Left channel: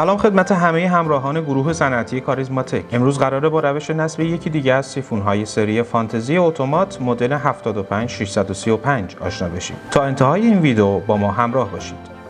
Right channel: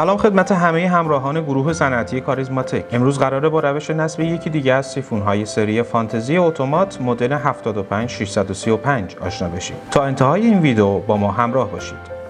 سلام خدمت همه همراهان گروه صنعتی کاریزماتیک. امروز قراره با روش نصب یکی دیگه از سیفون‌های سری فانتزی اتومات مدل 75635 آشنا بشیم. تا انتهای این ویدیو با ما همراه باشید.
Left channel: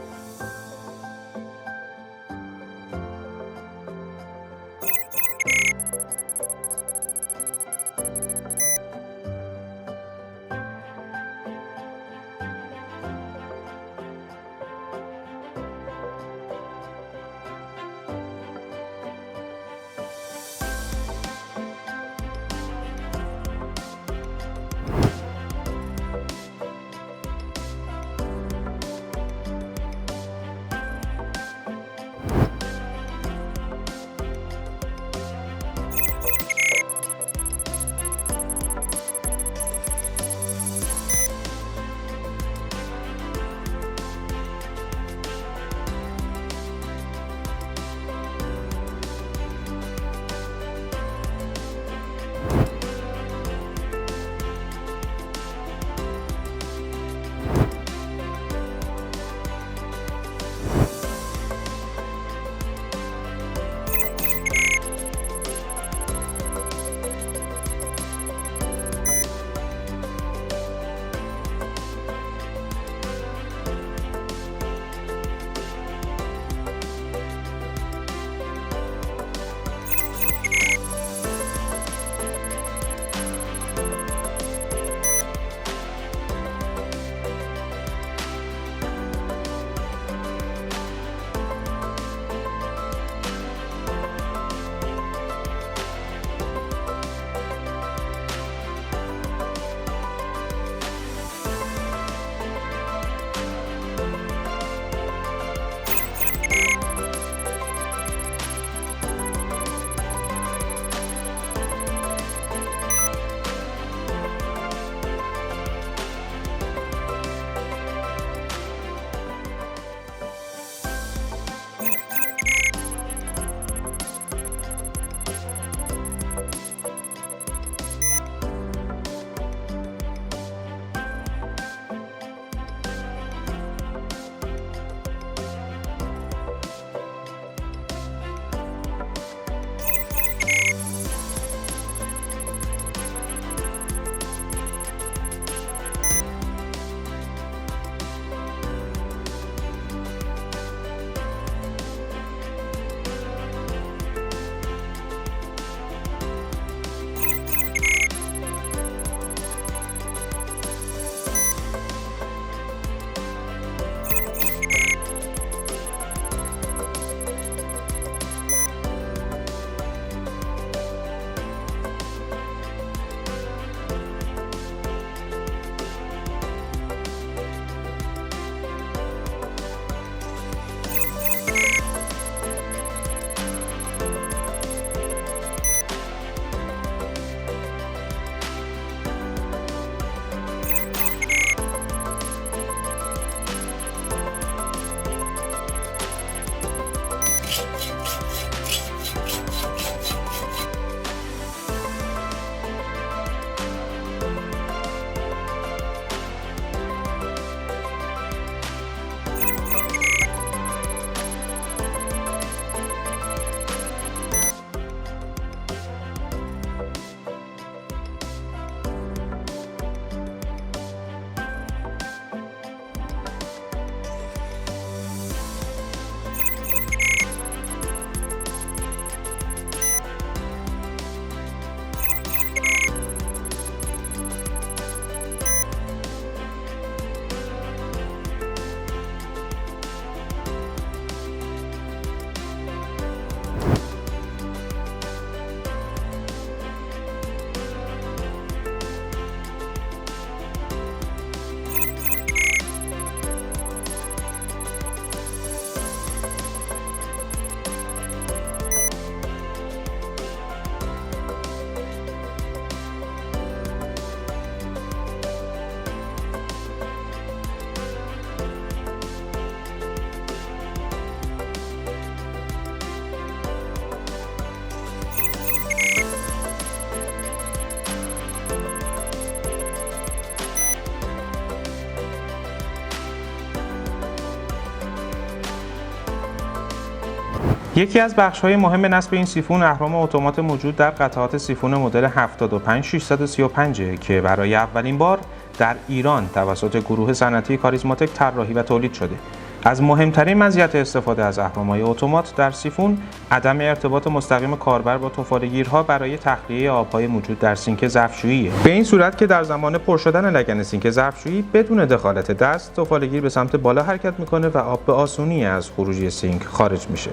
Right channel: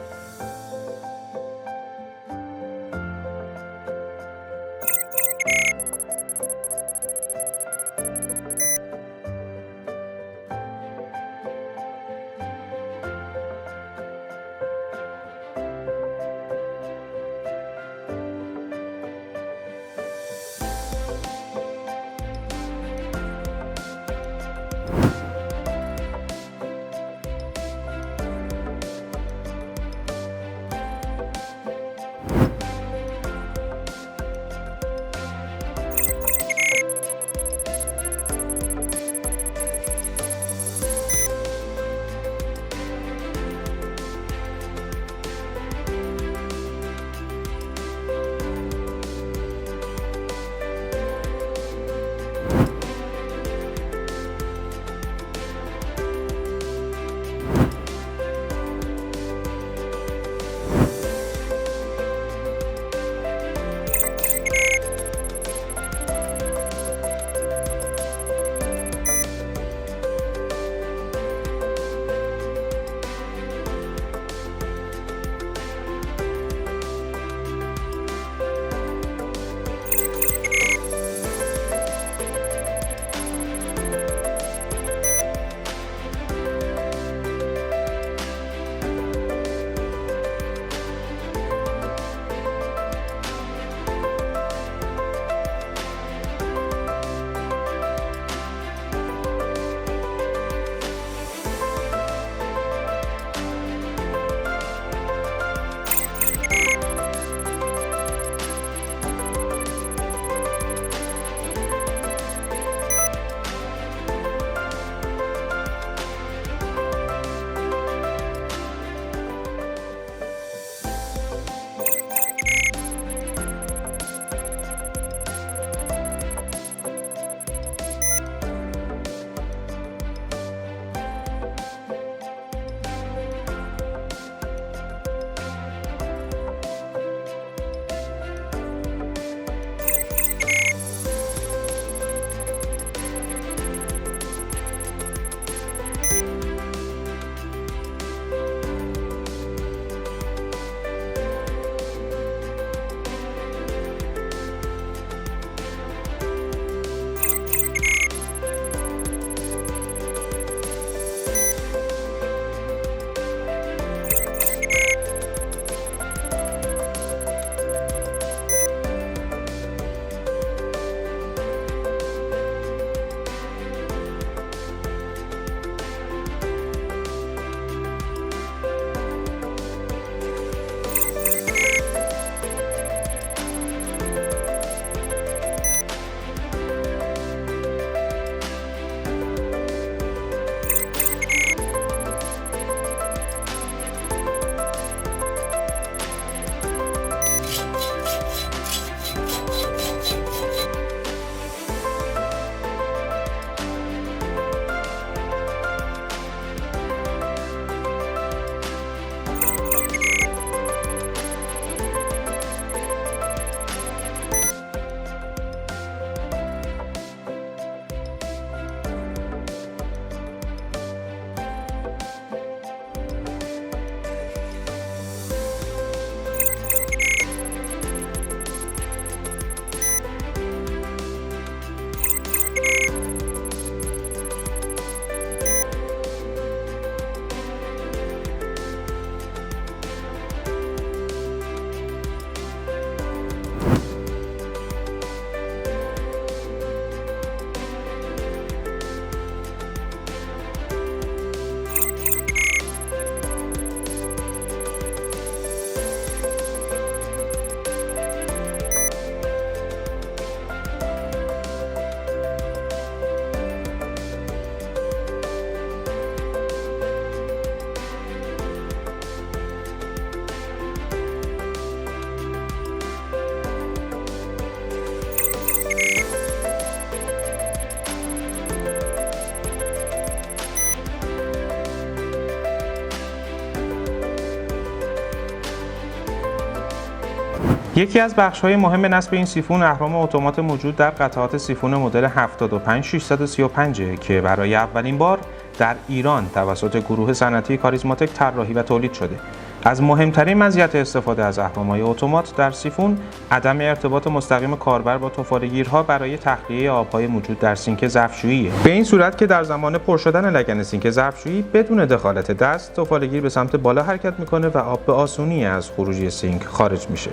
یکی از بخش‌های مهم نصب این سیفون اهرم اتومات موجود در قطعات سیفون مدل 75635 که برای اولین بار در ایران توسط گروه صنعتی کاریزماتیک طراحی و تولید شده. از مهمترین مزیت استفاده از اهرم‌های اتومات در سیفون عدم ارتباط مستقیم کاربر با تفاله‌گیرها برای تخلیه آب‌های موجود در سینک ظرفشویی، به این صورت که در زمان پر شدن لگن سینک ظرفشویی بدون دخالت دست تفاله‌گیر به سمت بالا حرکت می‌کنه و آب به آسونی از خروجی سینک خارج میشه.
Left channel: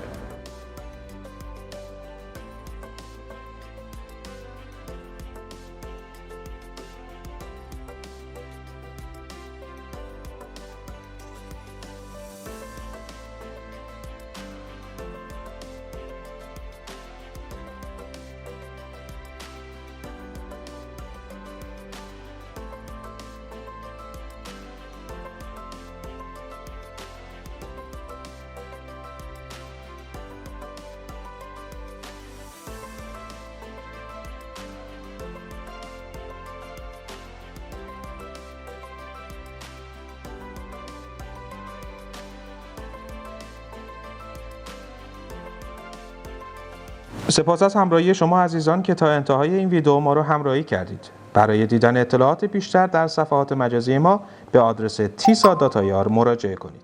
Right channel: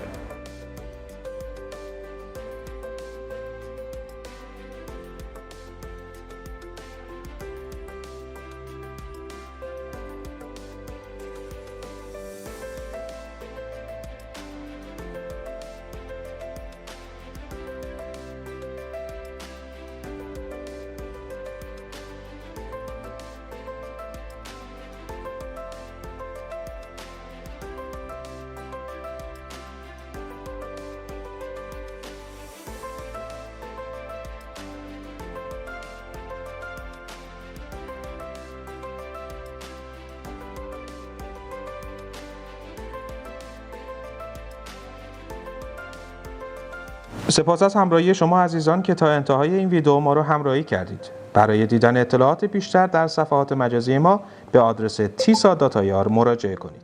سپاس از همراهی شما عزیزان که تا انتهای این ویدیو ما رو همراهی کردید. برای دیدن اطلاعات بیشتر در صفحات مجازی ما به آدرس tisa.ir مراجعه کنید.